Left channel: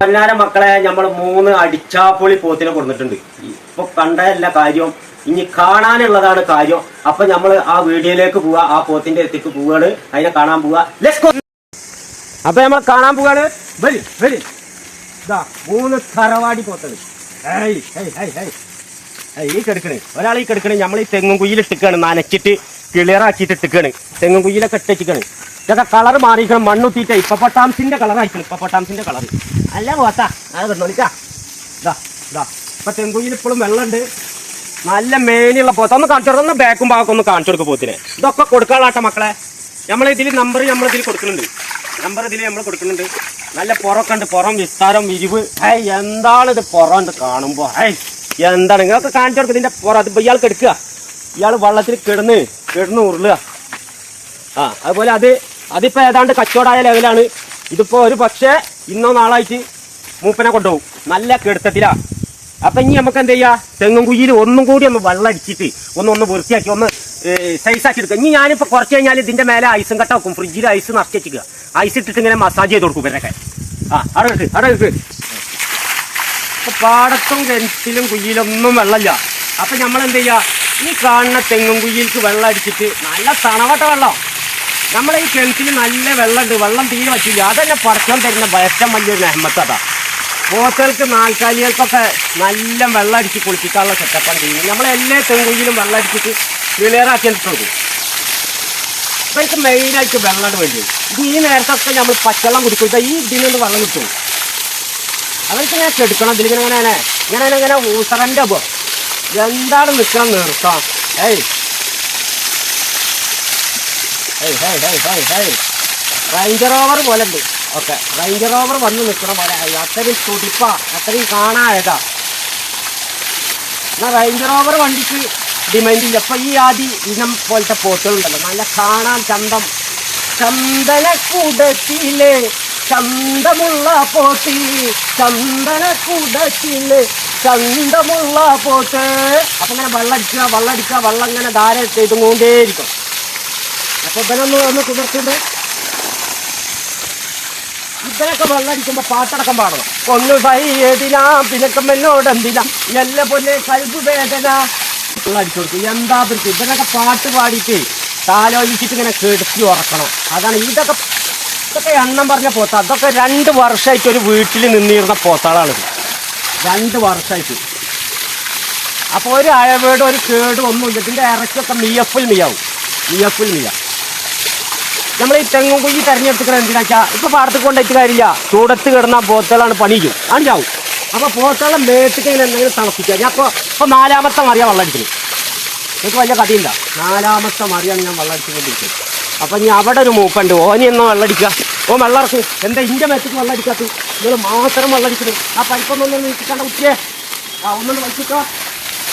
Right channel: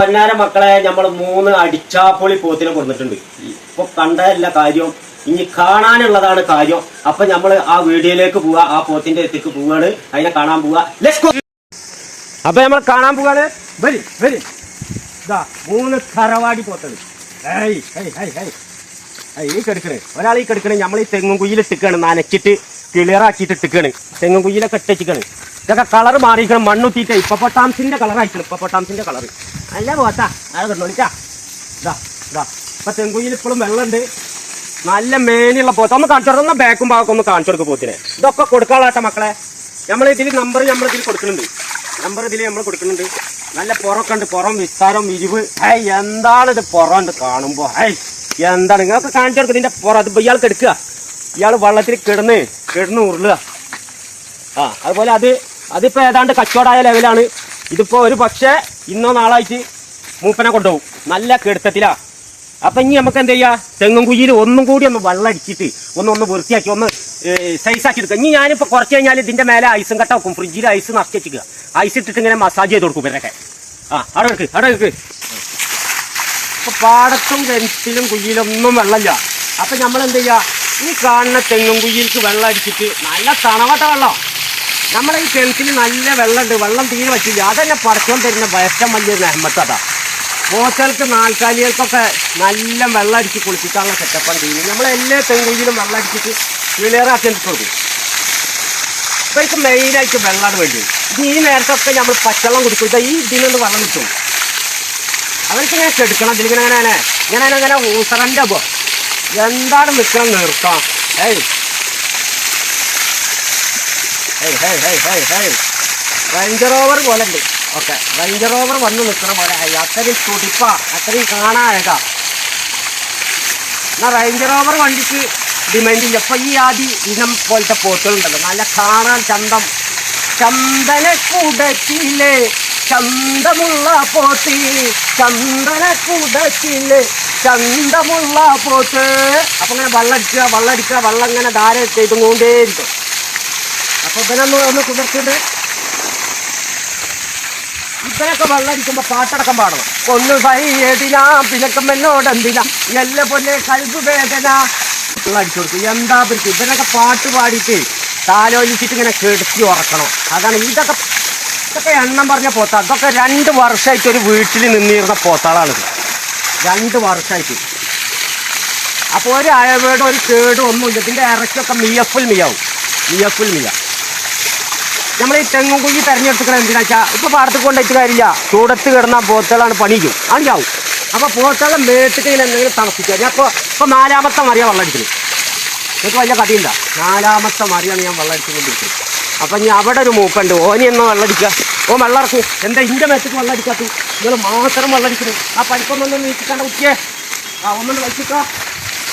പന്നാര മക്കളെ നമ്മൾ മൂന്ന് അടിച്ചാപ്പൊളി പോത്തിനെ കൊടുത്തിട്ടുണ്ട് ഇപ്പൊ കണ്ടതല്ല കാര്യം ഇനി കാണാനുള്ളതാണ് കാര്യം. അപ്പൊ നമ്മൾ ആ വീഡിയോയിലേക്ക് പോവാ ആ പോത്തിന്റെ എത്തിക്ക് പോവാണ്. അതിനെ കാണാൻ പോവാ. അപ്പൊ നമ്മൾ കാണാൻ പോവാണ്. വരി വരി. ഇതാ മൂന്ന് തറവാടി പോത്തത്. ഈ കെടുക്കണേ. ഒരാൾ ഈ കെടുക്കണേ. നമ്മൾ ഈ തെങ്ങും കുയ്യിൽ ഇട്ടിക്കാണ് നനച്ചിട്ട് ക്ലിയർ ആക്കിയിട്ട് ഇട്ടിക്കാണ്. തെങ്ങും കുയ്യിലൊക്കെ ഇട്ടിച്ചിക്കാണ്. ഇതൊക്കെ കളർ മാറിയിരിക്കണം. മണ്ണുത്തിയിട്ട് ഇപ്പൊ പൊട്ടാംസിന്റെ കളർ ആയിക്കണം ഇപ്പൊ പൊട്ടാംസിന്റെ കളർ അല്ല പോത്താ ഇപ്പൊ തെങ്കുയിൽ ഇപ്പോഴും വെള്ളമുണ്ട്. നല്ല മേനിയുള്ള പോത്ത. ഒന്ന് കാണിച്ചു കൊടുക്കുന്ന ബാക്കും ബാക്കും ഒന്ന് കാണിച്ചു കൊടുക്കും പോത്തിനെ. ഇതൊക്കെ കൊടുക്കാനാട്ടെ മക്കളെ. നമ്മൾ ഇതിൽ നമ്പർ നമ്മൾ ഇതിൽ കൊടുക്കുന്നുണ്ട്. നമ്പർ ഇതിൽ നമ്മൾ കൊടുക്കുന്നുണ്ട്. നല്ല പുറമൊക്കെ ഉണ്ട് പുറം വിസ്താരം വിരിവ്. ഹൈ എന്താണ് ഇത് പുറം ഉണ്ട് കാണുമ്പോ? ഹൈ എന്താണ്? ഇങ്ങനെയൊക്കെ കാണിച്ചു കൊടുക്കും. ഇതിന്റെ പുറം അത് ഇയാൾക്ക് എടുക്കുക. ഇയാൾ വെള്ളത്തിൽ കിടന്ന് കിടന്ന് ഉരുളുക. ആ അതുപോലെ അത് അതിപ്പോ ഏതാണ്ട് കച്ചവടമായ ലെവലാണ്. ഇതിപ്പോ ഒരു പക്ഷേ ഇന്നോ നാളായിട്ട് മൂപ്പനെ കൊണ്ടുപോകും. നല്ല കെടുത്തത്തിലാ. അപ്പൊ ഇനി നമുക്ക് എന്ത് ചെയ്യാ? തെങ്ങും കുഴിയിൽ ഒന്നും കൂടി ഒന്ന് വെള്ളം അടിച്ചിട്ട് ഒന്ന് ഒന്ന് വൃത്തിയാക്കി ഒന്ന് സൈസ് ആക്കി എടുക്കുക. ഇനി ഞാനിപ്പോ കുറച്ച് കഴിഞ്ഞാൽ ഇതിന്റെ മേലെ ഐസും കട്ട വെക്കും ഫ്രിഡ്ജിൽ ഐസ് നിറച്ച് വെച്ചിക്കുക ഐസ് ഇട്ടിട്ട് ഇങ്ങനെ മസാജ് ചെയ്ത് കൊടുക്കും ഇവരൊക്കെ. ആ അവിടെ വെക്ക് അവിടെ വെക്ക് ഇപ്പൊ പാടത്തും കിണറ്റിലും കുഴിയിലൊന്നും വെള്ളമില്ല. അപ്പൊ നമ്മൾ എന്ത് ചെയ്യാ? ഈ കാണുന്ന തെങ്ങും കുഴിയിലേക്ക് വെള്ളം അടിച്ചിട്ട് നല്ല തണവട്ട വെള്ളം. നമ്മളെ ഈ കിണറ്റിൽ നല്ല വെള്ളമുണ്ട്. വെള്ളം തീരെ വച്ചില്ല അതന്നെ പറക്കാൻ തരുന്ന ഏറ്റവും വലിയൊരു നെഹമ്മത്തതാ പോത്തകൾക്ക് നാൽക്കാലികൾക്കൊക്കെ നല്ല വെള്ളം അടിച്ച് കുളിപ്പിക്കാനുള്ള സെറ്റപ്പാണ് ചെയ്യുന്നത്. നമ്മളെല്ലാ തെങ്കുയിലും വെള്ളം അടിച്ചിട്ട് ക്ലിയറാക്കി കൊടുക്കും അപ്പൊ എനിക്ക് മെയിനായിട്ട് വെള്ളമാണ് വേണ്ടി ഇത് ഈ നേരത്തൊക്കെ നമ്മൾ പച്ചവെള്ളം കുടിക്കും ഈ ഇതിൽ നിന്ന് വെള്ളം കിട്ടും. അവർക്ക് ഇങ്ങനെ കെടുക്കണം. ഇതിലിങ്ങനെ അങ്ങനെ ഇങ്ങനെ ഇങ്ങനെ ഊസറന്റെ പോ എന്താണ് നിൽക്കണം നിർത്താം ഏയ്. റേഞ്ചർ ഓവർ പോലെ ഉണ്ട് ഓക്കെ റേഞ്ചർ ഓവർ വന്ന് നിൽക്കണ പോലെ. ആയി. അത്രയും തുടിപ്പ അത്രയും കാണാഴക എന്നാ റേഞ്ചർ ഓവർ വണ്ടിക്ക് ഡിമാൻഡ് ഇല്ല. അപ്പൊ ഈ ആദ്യ ഇനം പോലത്തെ പോത്തുകളുണ്ടല്ലോ നല്ല കാണാൻ ചന്തം. ചന്ദന കൂടത്തിലെ ചന്തമുള്ള പോത്ത്. ചന്ദന കൂടത്തിലെ ചന്തമുള്ള പോത്ത്. അപ്പൊ ഇങ്ങനെ വെള്ളം അടിക്കുക വെള്ളം ഇങ്ങനെ ധാര ചെയ്തുകൊണ്ടേയിരിക്കും അപ്പൊ ഇവനൊന്ന് ഒന്ന് കുതിർത്തിട്ട് ഇവനൊക്കെ വെള്ളം അടിക്കുമ്പോ പാട്ടടക്കം പാടണം. ഒന്ന് എന്നോട് എന്തിനാ? നല്ല പൊന്നെ കഴിവ് വേദന. വെള്ളടിച്ചു കൊടുക്കും. എന്താ പിടിക്കും? ഇതിനൊക്കെ പാട്ട് പാടിയിട്ട് താലോചിച്ചിട്ട് ഇങ്ങനെ കെടുത്തി ഉറക്കണം. അതാണ് ഇതൊക്കെ ഇതൊക്കെ എണ്ണം പറഞ്ഞ പോത്ത. അതൊക്കെ രണ്ട് വർഷമായിട്ട് ഒരു വീട്ടിൽ നിന്നിരുന്ന പോത്താളാണിത് രണ്ട് വർഷമായിട്ട് അപ്പോൾ ഒരു അയവേടും ഒരു കേടും ഒന്നുമില്ല. ഇതിന്റെ ഇറച്ചൊക്കെ മിയഫുൽ മിയാവും. മിയഫുൽ മിയ. നമ്മൾ ഈ തെങ്ങും കുഞ്ഞി തെരഞ്ഞെടുത്തിക്കണം എന്തിനാ വെച്ചാൽ ഇപ്പൊ പാടത്ത് കൊണ്ടുവച്ച് കാര്യമില്ല. ചൂടത്ത് കിടന്ന പോത്തകളാണ് പണിക്കും ആണ് അപ്പൊ പോത്തകളെ മേത്തിട്ട് എന്തെങ്കിലും തണുപ്പിക്കുക. ഞാൻ ഇപ്പൊ നാലാമത്തെ മറിയാണ് വെള്ളം അടിക്കുന്നത് നിങ്ങൾക്ക് വലിയ കഥയില്ല നാലാമത്തെ മറിയാണ് ഞാൻ വെള്ളം അടിച്ചുകൊണ്ടിരിക്കുന്നത്. അപ്പൊ ഇനി അവിടെ ഒരു മൂക്കുണ്ട്. ഓനി ഒന്ന് വെള്ളം അടിക്കാം ഓ വെള്ളം ഇറക്കി. എന്താ ഇന്റെ മേത്തേക്ക് വെള്ളം അടിക്കാത്തു നിങ്ങൾ മാത്രം വെള്ളം അടിക്കുന്നു ആ പരിപ്പൊന്നൊന്ന് നീക്കിക്കണ്ട കുട്ടിയെ. ആ ഒന്നുകൊണ്ട് വലിച്ചിട്ടോ.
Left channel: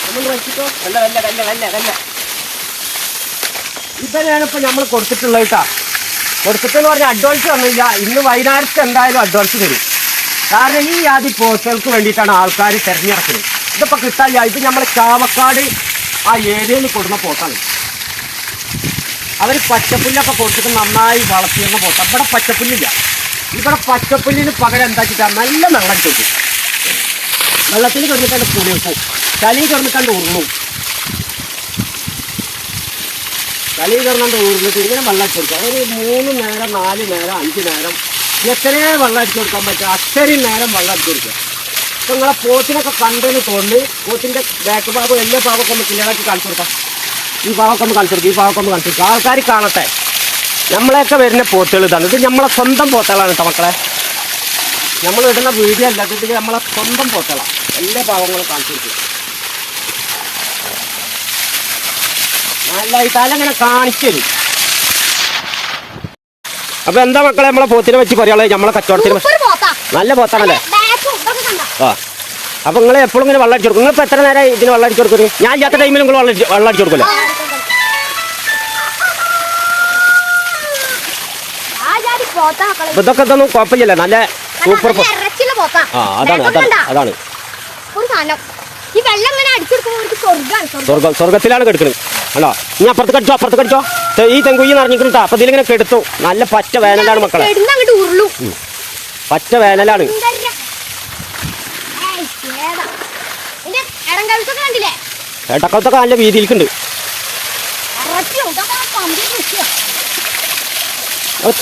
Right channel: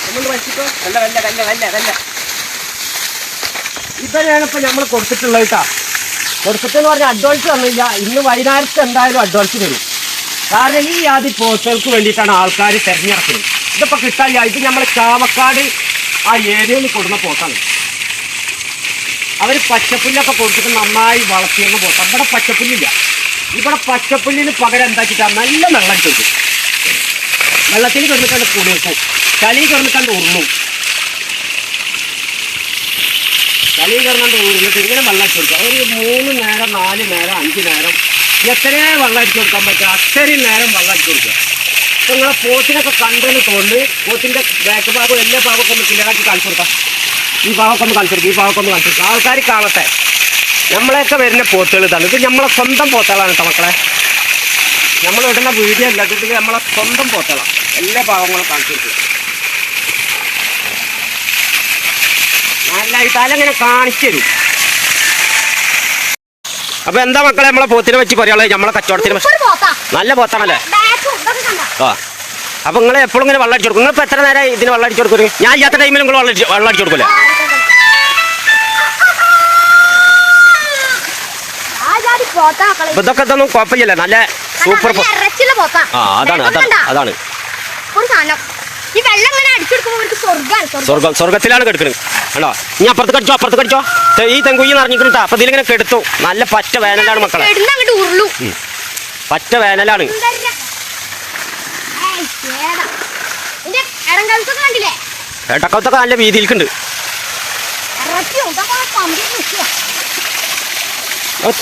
ഒന്നുകൊണ്ട് വലിച്ചിട്ടോ. വല്ല വല്ല വല്ല വല്ല വല്ല ഇതന്നെയാണ് ഇപ്പൊ നമ്മൾ കൊടുത്തിട്ടുള്ളത് കേട്ടാ. കൊടുത്തിട്ടെന്ന് പറഞ്ഞാൽ അഡ്വാൻസ് തന്നില്ല ഇന്ന് വൈകുന്നേരത്ത് എന്തായാലും അഡ്വാൻസ് തരും കാരണം ഈ ആദ്യ പോസ്റ്റുകൾക്ക് വേണ്ടിയിട്ടാണ് ആൾക്കാർ തിരഞ്ഞെടുക്കുന്നത്. ഇതിപ്പോൾ കിട്ടാനില്ല. ഇത് നമ്മൾ ചാവക്കാട് ആ ഏരിയയിൽ കൊടുക്കുന്ന പോത്താണ് അവർ പച്ചപ്പുല്ലൊക്കെ കൊടുത്തിട്ട് നന്നായി വളർത്തിയിരുന്ന പോത്ത ഇവിടെ പച്ചപ്പുല്ലില്ല. ഇവിടെ പച്ചപ്പുല്ലിന് പകരം എന്താക്കിട്ടാ നല്ല വെള്ളം ചോദിക്കും വെള്ളത്തിൽ കിടന്നിട്ടാണ് പുളിയക്കും ചളി കിടന്നിട്ടാണ് ഉരുളും. കയറുന്നുണ്ട് ഊർന്നിട്ട് ഇങ്ങനെ വെള്ളം കൊടുക്കുക ഒരു മൂന്ന് നേരം നാല് നേരം അഞ്ച് നേരം എത്രയും വെള്ളം കൊടുക്കാൻ പറ്റുക അത്രയും നേരം വെള്ളം കൊടുക്കുക ഇപ്പൊ നിങ്ങളെ പോത്തിനൊക്കെ കണ്ടെന്ന് തോന്നി പോത്തിന്റെ ബാക്ക് ഭാഗം എല്ലാ ഭാഗമൊക്കെ ഒന്ന് ക്ലിയറാക്കി കാണിച്ചു കൊടുക്കാം. ഈ ഭാഗമൊക്കെ ഒന്ന് കാണിച്ചു കൊടുക്കുക ഈ ഭാഗമൊക്കെ ഒന്ന് കാണിച്ചു കൊടുക്കുക ആൾക്കാർ കാണട്ടെ. നമ്മളെയൊക്കെ വരുന്ന പോത്തുകൾ ഇതാണ്. ഇത് നമ്മളെ സ്വന്തം പോത്തുകളാണ് കേട്ടോ മക്കളെ. നമ്മൾ ഇടുന്ന വീഡിയോ അല്ല നമ്മളെ സ്വന്തം പോത്തുകളാണ്. എല്ലാ ഭാഗങ്ങളും കാണിച്ചു കൊടുക്കുക കാണിച്ചു അപ്പൊ എന്താ മക്കളെ നമ്മളെ പോത്തിനെ വെച്ച് പറയാനുള്ളത് നമ്മളെ കച്ചവടത്തിന്. നല്ല പോത്താണല്ലേ? ആ അപ്പൊ നിങ്ങൾ എപ്പോഴും ഇങ്ങനെ വെള്ളം അടിച്ചു കൊടുക്കും നിങ്ങൾ എത്ര നേരം ഇതിന് വെള്ളം അടിച്ചു കൊടുക്കും ഞാൻ ഇല്ലാത്ത ടൈമിൽ നിങ്ങൾ വെള്ളം വെള്ളം അടിച്ചു കൊടുക്കില്ല. അപ്പൊ ഇതൊക്കെ ഇതൊന്നും കുഴപ്പമില്ല നല്ല സൂപ്പർ. ആ അതാണ് അതാണ്? അതാണ്. സ്വർഗം സ്വർഗത്തിലാണ് കെടുക്കുന്നത് അല്ലോ ഇനി അപ്പുറത്ത് കടിച്ചോ അപ്പുറത്ത് കടിച്ചോ. ഈ തെങ്കുയ്യ നിറഞ്ഞിട്ടുണ്ട് അപ്പൊ ഇതിലിങ്ങനെ കെടുത്തു. നല്ല പച്ച വേനലാണ് മക്കളെ. പച്ച വേനലാണ്. ഏട്ടക്കത്തൊക്കെ നല്ല വീതിയിൽക്കുണ്ട്.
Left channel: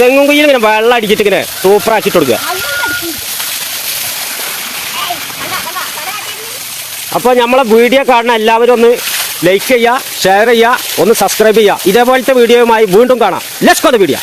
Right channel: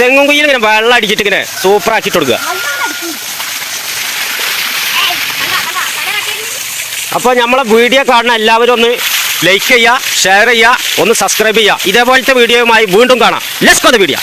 തെങ്ങും കുയ്യിൽ ഇങ്ങനെ വെള്ളം അടിച്ചിട്ട് ഇങ്ങനെ സൂപ്പർ ആക്കിട്ട് കൊടുക്കുക. അപ്പോൾ നമ്മളെ വീഡിയോ കാണുന്ന എല്ലാവരും ഒന്ന് ലൈക്ക് ചെയ്യുക. ഷെയർ ചെയ്യുക ഒന്ന് സബ്സ്ക്രൈബ് ചെയ്യുക. ഇതേപോലത്തെ വീഡിയോയുമായി വീണ്ടും കാണാം. Let's go the video